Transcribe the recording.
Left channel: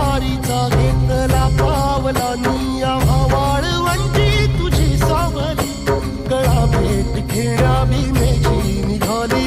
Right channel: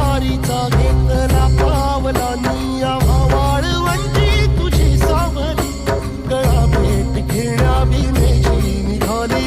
वारीचा घेतला पावलांनी आम्हा वाळवंटी तुझी सावली गळा भेट घेण्या भीमेची निघाली